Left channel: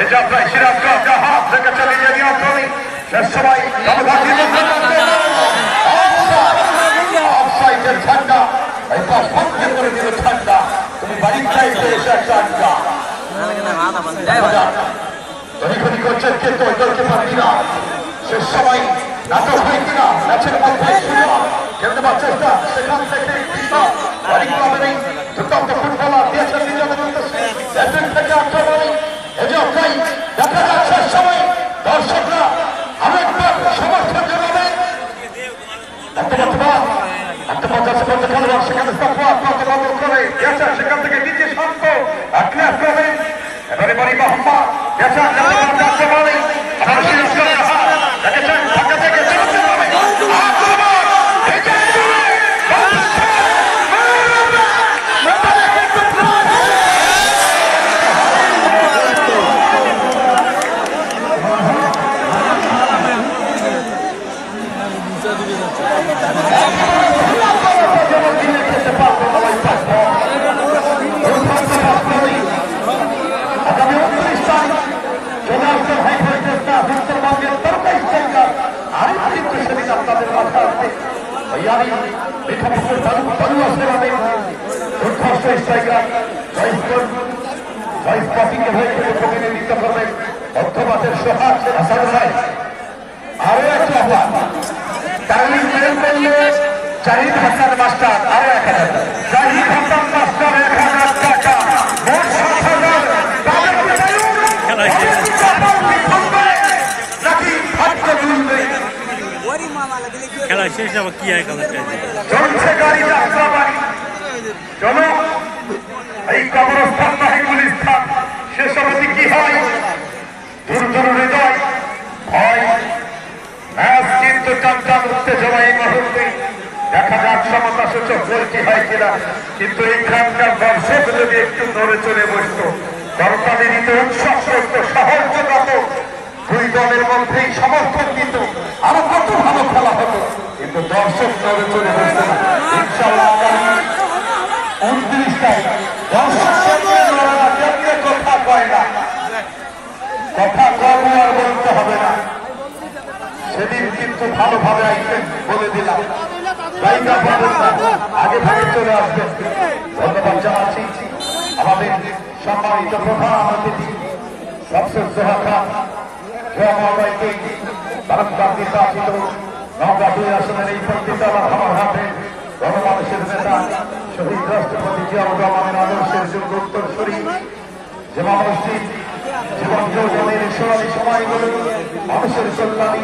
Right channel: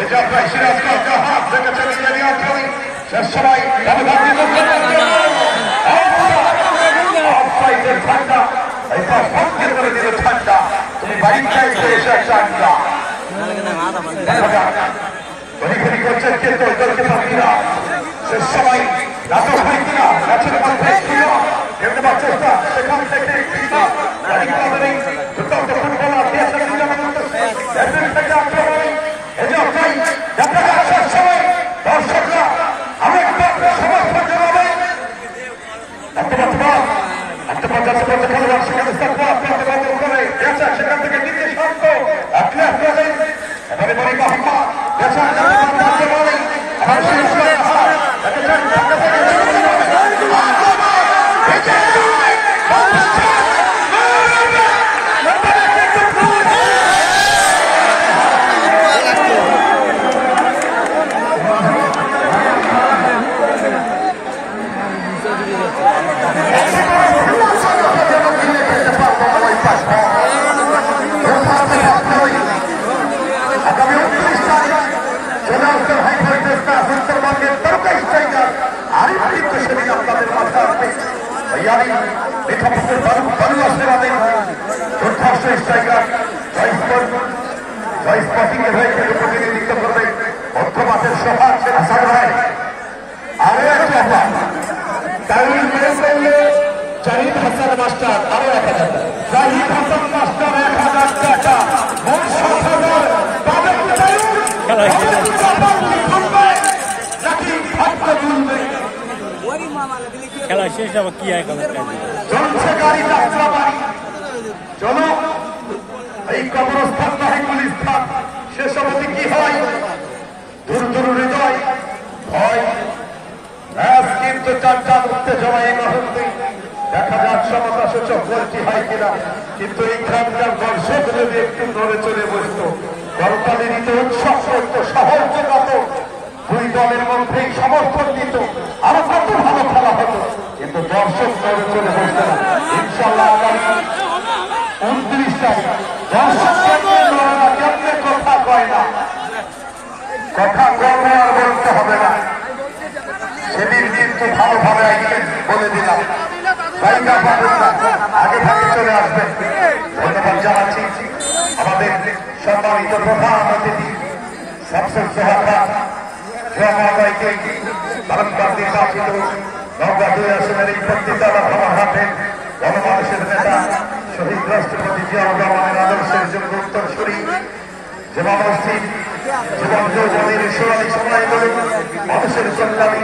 এই যাত্রায় সিরাজগঞ্জ হাত থেকে চালিয়ে নিয়ন্ত্রণে শেষ সময় অফসাইডের ঠান্ডা এই পাশ বন্ধের করে দিল ঠান্ডা তুমি বাড়ির চাইতে এসে একটা আড্ডা দেখা যাক ঘড়ি করছেন কিন্তু দলকে পাবি না শেষ সময় নাটক হয় কিনা ম্যাচের মধ্যে খেলতে পারার চেষ্টা সেখান থেকে দুর্দান্ত ফুটবলার দিয়েছেন থেকে আক্রমণে এই যে দেখা যাক শেষ সময় দর্শকরা আরেকবার সমর্থন জানাবে সেখান থেকে নিজে শান্ত এবারে বাড়ি মোহাম্মদ প্রতিনিধিত্ব করবে মধ্যমাসের সোহাগ আসাদ ভাই আরো একটা জাহিদ হাসান মাস্টার আরো 1000 জাহিদ হাসান মাস্টার 1000 টাকা খেলা শেষ আবার কি হয় খেলা চলছে গাড়ি যাত্রা বাড়ি চলো এই কবরস্থান মাহিকুল স্থান শেষ অবধি কি হয় দুর্দর হৃদয় ভয় ম্যাচ কিন্তু টানটান উত্তেজনা এই মুহূর্তে দেখা যাক সমতা সূচক গোল কি হয় কিনা কিন্তু এখানকার দর্শক যদি একটু নড়ে চলে বসত করতালি দিতে উৎসব করত সহজ যোগাত দুই দলের মধ্যেই সমর্থন দিত আরো কত ভালো খেলা হতো কিন্তু দর্শক নড়ে চলে বসতে না ইনশাল্লাহ আগামী 29 তারিখ দর্শক কেমনে নড়ে না কেমনে কথা কয় না কথা কম আর বলতে হবে না সেদিন কিন্তু ভালোভাবে আইছেন বলে দিলাম জায়গা পাবেন না আগে ভাগে চলে আসবেন ধন্যবাদ জানাচ্ছি আমাদের সম্মানিত প্রধান অতিথি শামসুল সোহা খান জয়ামাইকে বারংবার নির্বাচিত নওগাঁ 2 আসনের এই বক্তৃতা আমার হাতে গণমানুষের নেতা শহীদ রাষ্ট্রপতি জিয়াউর রহমানের আদর্শের যোগ্য উত্তরসূরি যে মানুষটি জীবন যৌবনের সোনালী সময়গুলো মানুষের কল্যাণে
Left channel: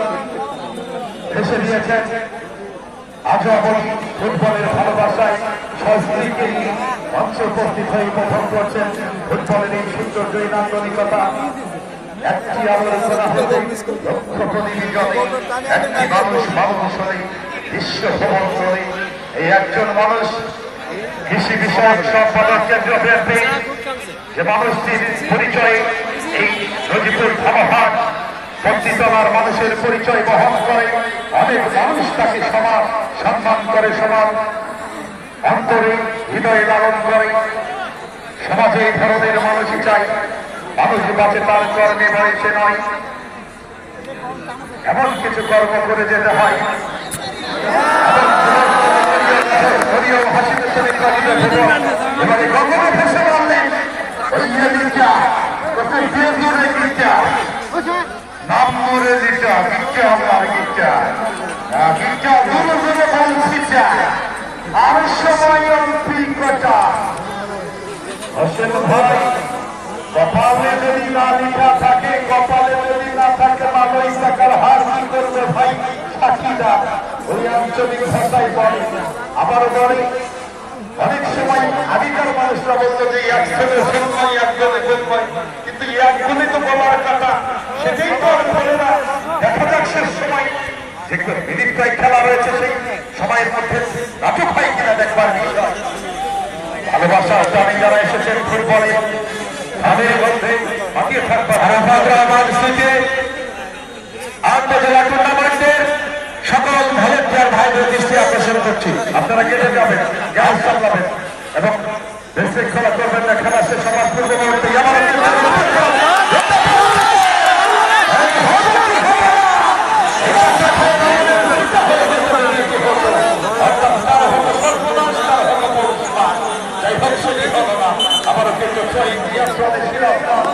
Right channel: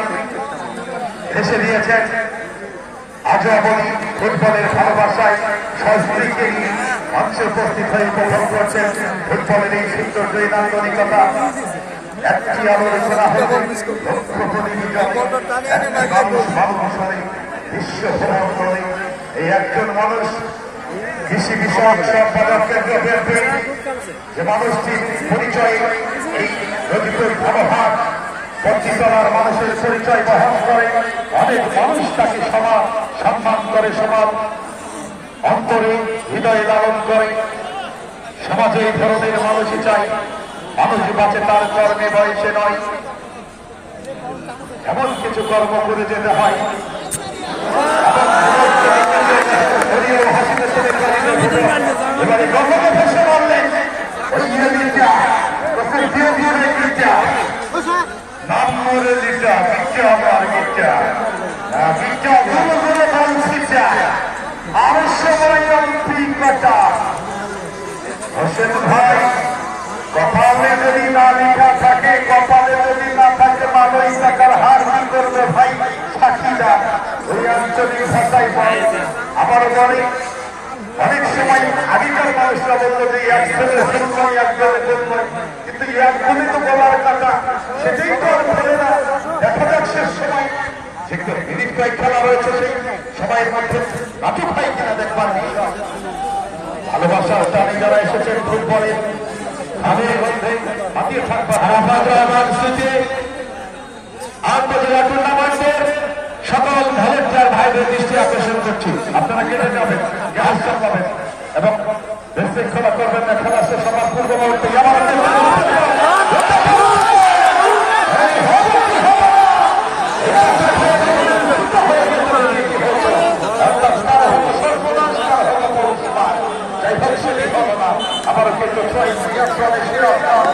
এসে দিয়েছেন আজও বলি ফুটবলের ভালোবাসায় সংস্কৃতিকে মঞ্চে উপস্থিত হয়ে উপভোগ করছেন ফুটবলের এই সুন্দর নান্দনিকতা একটি আলোচনা হল লক্ষ্য প্রতিনিধি একটি মানুষ মানুষ হয়ে বিশ্ব ভ্রমণ করে এই একজন মানুষ কৃষি বিষয়ক সম্পাদক কেন্দ্র বিএনপি যে মানুষটির পরিচয় এই নজিবুল ধর্মঘাট পঞ্চিতলার মানুষের পরিচয় বহন করে অনেক মানুষ তাকে সমান সম্মান করে সমান অন্তরে হৃদয়ে লালন করে সমাজে এই ধরনের মানুষই চাই মানুষ বাঁচে তার কর্মে বয়সে নয় এমন কিছু কর্ম করে যেতে হয় এবারে গঙ্গা ফেসে বললেন নাম মরে দিটা বিটা আর বিটা বিটা ধরে ধরে বলছিটা আর সময় অভিজ্ঞতা হোসেন ভাই কপালে যদি না লেখা থাকে কপালে যদি না থাকে মানই টাকার হার কি করবে ভাই সাক্ষীরা ওই আঞ্চলিক ভাষায় বলে আবার বলে অনেক সময় আগেকার মানুষরা বলতো যে একজনের সম্মানই একজনের সম্মান কিন্তু একজনই তো বলার কথা সেটাই তো আর বলে না দেখা যাক শেষ সময় দেখবেন মিনিট প্রায় খেলা রয়েছে সেই সময়ের মধ্যে নাটক হয় কিনা দেখবার ভালোবাসা প্রাণী যারা এসেছেন ফুটবলে তাদের মধ্যে হাতিয়ে থাকবে আমার স্মৃতি আন্তর্জাতিক টুর্নামেন্টের সকল ভলেন্টিয়ার ভাইদের দৃষ্টি আকর্ষণ করছি আপনারা কেটে যাবেন গ্যাস চালাবেন এবং দেশে খেলা করবেন না খেলা শেষ হওয়ার পূর্ব মুহূর্তে কিন্তু নিয়ন্ত্রণে শ্রীলঙ্কান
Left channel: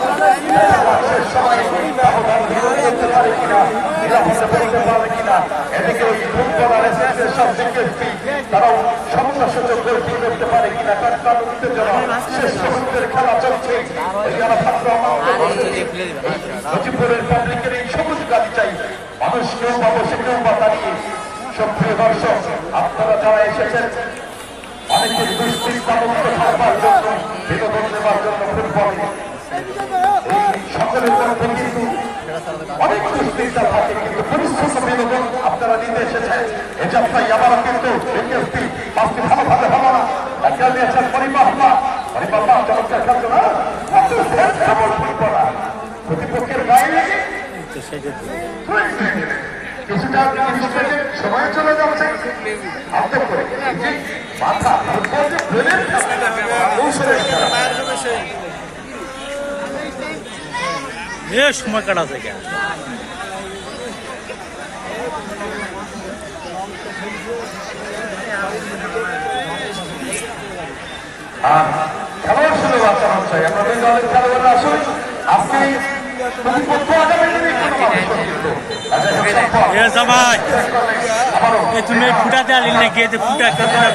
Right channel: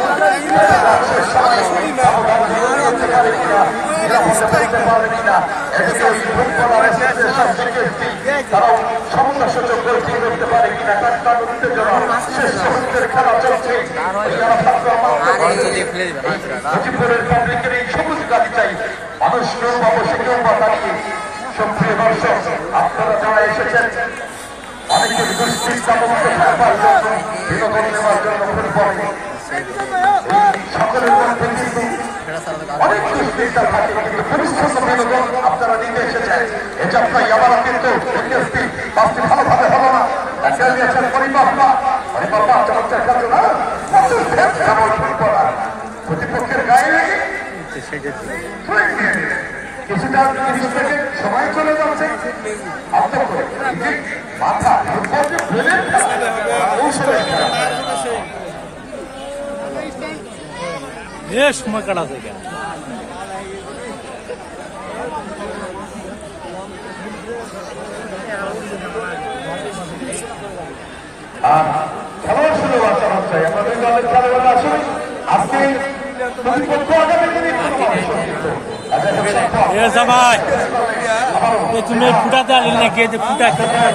দেখা যাচ্ছে সবাই ব্যবধান দ্বিগুণ করতে পারে কিনা, নিরাপদে বলতে পারে কিনা। এদিকে ওই ফুটবলার অ্যাসোসিয়েশন বিকেএসপি তারাও সমন্বয়সূচক গোল করতে পারে কিনা। কাকতার উত্তেজনা, শেষ মুহূর্তের খেলা চলছে। মুজিবপুরের পাবলিকের এই সবুজ গাড়ি চাই, মানুষ কেউ বা বসে কেউ বা দাঁড়িয়ে। সক্রিয় দর্শক, আপনারা যারা এসেছেন অনেকের দুশ্চিন্তা মুক্ত থাকবার জন্য, বিনোদন নেবার জন্য ফুটবলে সকলের মধ্যে কিন্তু অনেক দুশ্চিন্তা থাকে, কিন্তু পরিশ্রম বিনোদন আপনারা নিতে এসেছেন। এ যাত্রায় আবার কিন্তু বিকেএসপি পাঁচটি ভালোভাবে হলো না, একটা নিয়েছেন পরিবাহবা চমৎকার খেলছো না ফুটবলার প্রতিপক্ষের গায়ে লেগে কিছুটা 30 সেকেন্ড সময় চলে যাচ্ছে। আপনার মাথা সময় কাটাছে কেন? খেলোয়াড় শুরু বাচ্চা চাই আমরা দুই দলের খেলোয়াড় আসুন। আপনি তুমি ফুটাতে আলি নাকি? ফুটা করতে না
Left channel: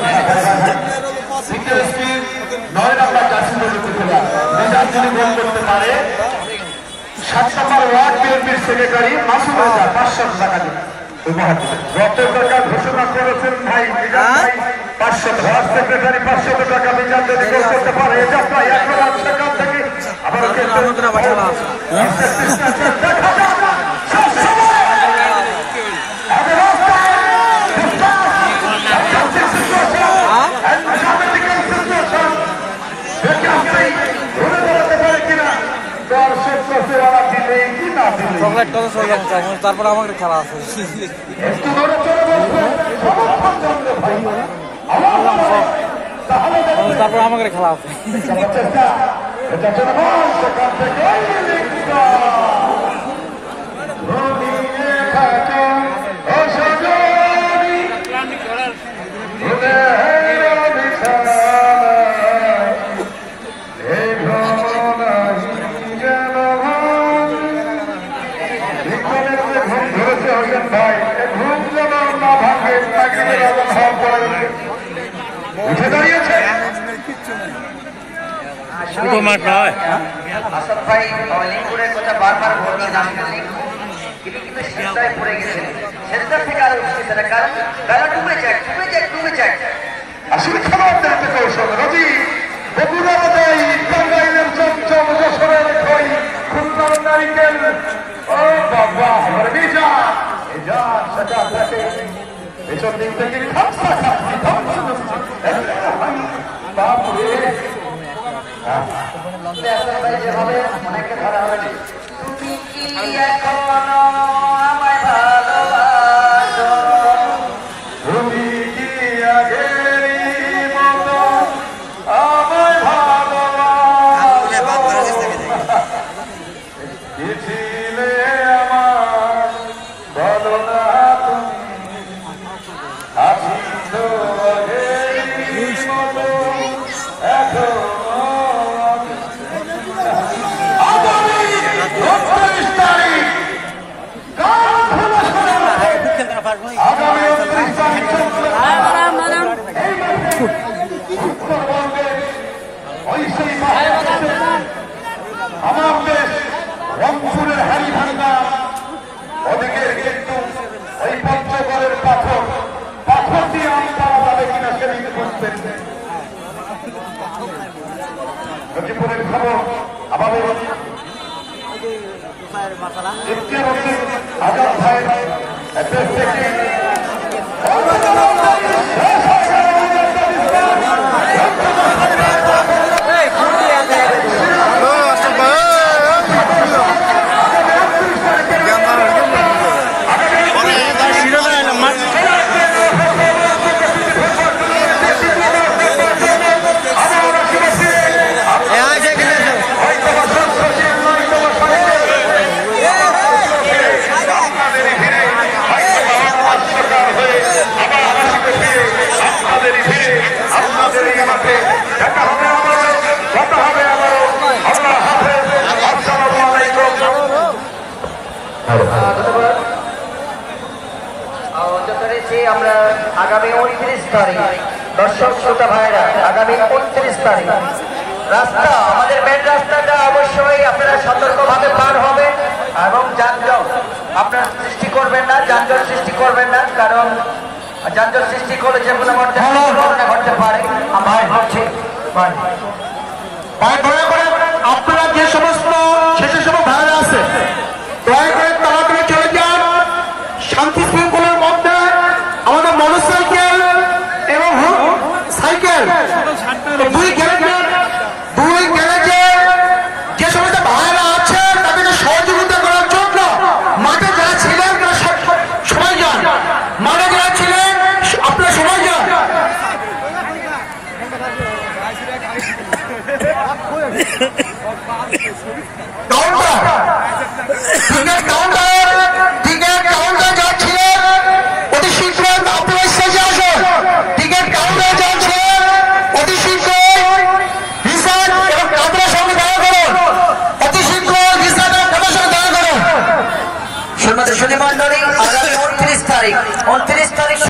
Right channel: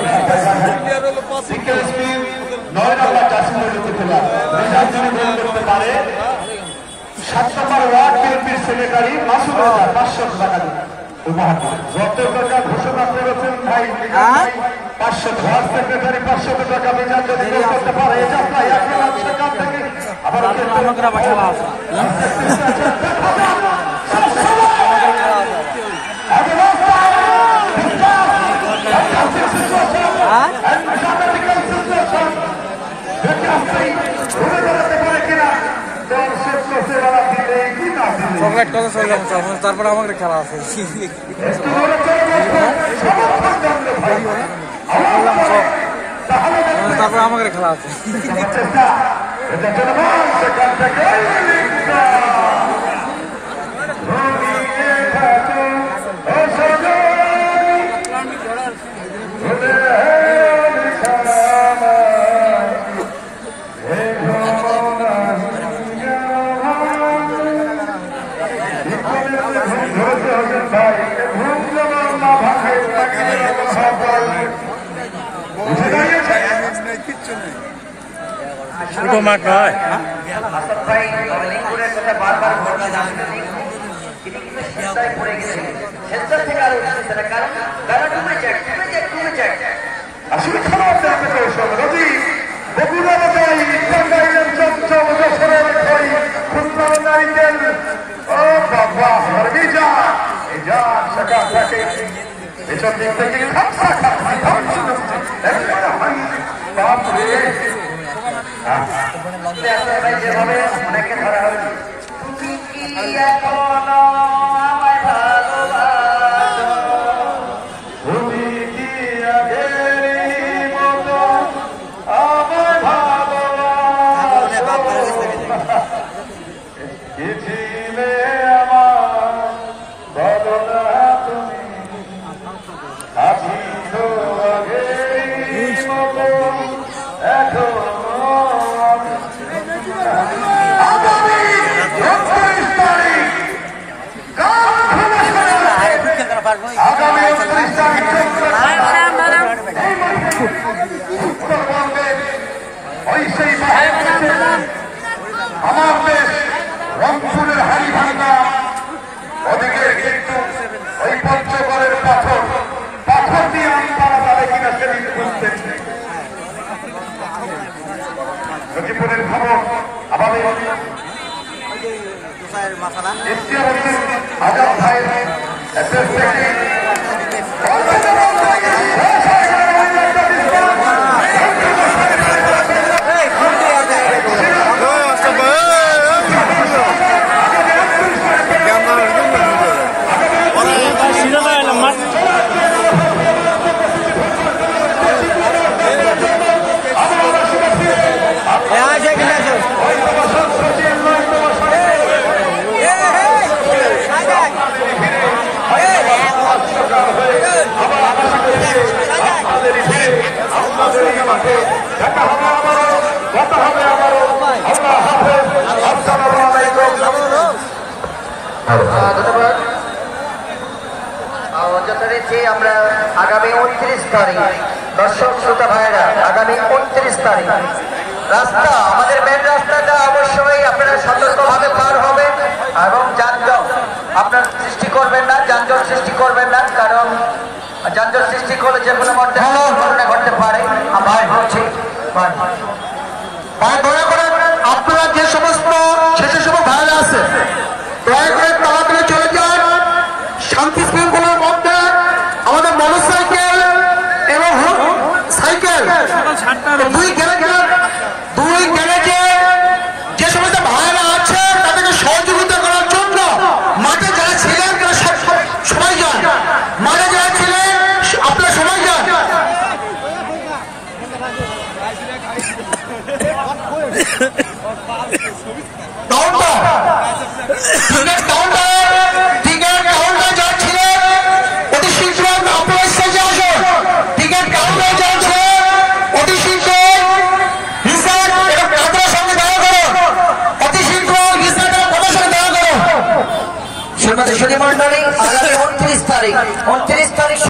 9 নম্বর জাসিম যিনি গোল করতে পারে। 7 নম্বর ওয়ার্ড বিএনপির সেক্রেটারি মাসুদ রাজা 500 টাকা উপহার দিলেন। যত টাকা ঘোষণা করেছেন ভাই 500 ওয়ার্ড সেক্রেটারি 500 টাকা বিচার যদি করতে পারে। এই যাত্রায় 1 লাখ টাকা থেকে আবার চকলেট কত চলে তারপরে আমাকে খেলা আছে। তারপরে আমাকে খেলা আছে। ছোট মাঠ নয়। আসলে খেলোয়াড়দের থেকে রাজি বগুড়া টাঙ্গাইলের চঞ্চল যশোরের খই খুলনার নারিকেল। ও বাবা হরবিজা এজা শাখা থাকে পেছন দিক থেকে খাপসা খাপসি খাপসি নমসি একটা হাই বাপরে। যেভাবে অনেকে ধরা হচ্ছে তুমি কি এখনো আমায় ভালোবাসো, তুমি কি আগের মতো আমায় ভালোবাসো, কি ছিলে আমার বলো না তুমি, আছি তো আগের মতো এখনো। আগামী 29 তারিখ আগামী 29 তারিখ আমার দেশ রংপুরের হাড়িভাঙ্গা ওদিকে কিন্তু ওই পঞ্চগড়ের পাথর দিয়ে আমি পাওয়া যাবে কিনা সেদিন বুঝতেন। মুজিবপুরের খবর আমাদের আজাদ ভাইয়ের অ্যাড্রেস থেকে আবার ধন্যবাদ। যথারীতি আমরা আগামী 29 তারিখ দর্শক শ্রোতা ভাইরা আগামী 29 তারিখ রাস্তা আমাদের মেন রাস্তাটা অবশ্যই আপনারা সতর্কভাবে পার হবে এবং যানজট আপনার সৃষ্টি করবেন না, যানজট সৃষ্টি করবেন না, কারণ যানজট সৃষ্টি করলে যে কোনো মধ্যে ঘটনা ঘটতে পারে। আমার হচ্ছে আপনারা যে সমস্ত শেষে সময় ভাড়া আছে দয়া করে তাড়াতাড়ি চলে যান। শান্তি শৃঙ্খলার মধ্যে আমাদের মোটরসাইকেল এবং সাইকেল দুই গ্যারেজে যে সমস্ত ভাড়া আছে তাদেরকে সহযোগিতা করার জন্য মাঠে যারা ছিলেন তারা সবাই যান, মাঠে যারা ছিলেন আপনারা সবাই যান। মন্ডলী 29 তারিখ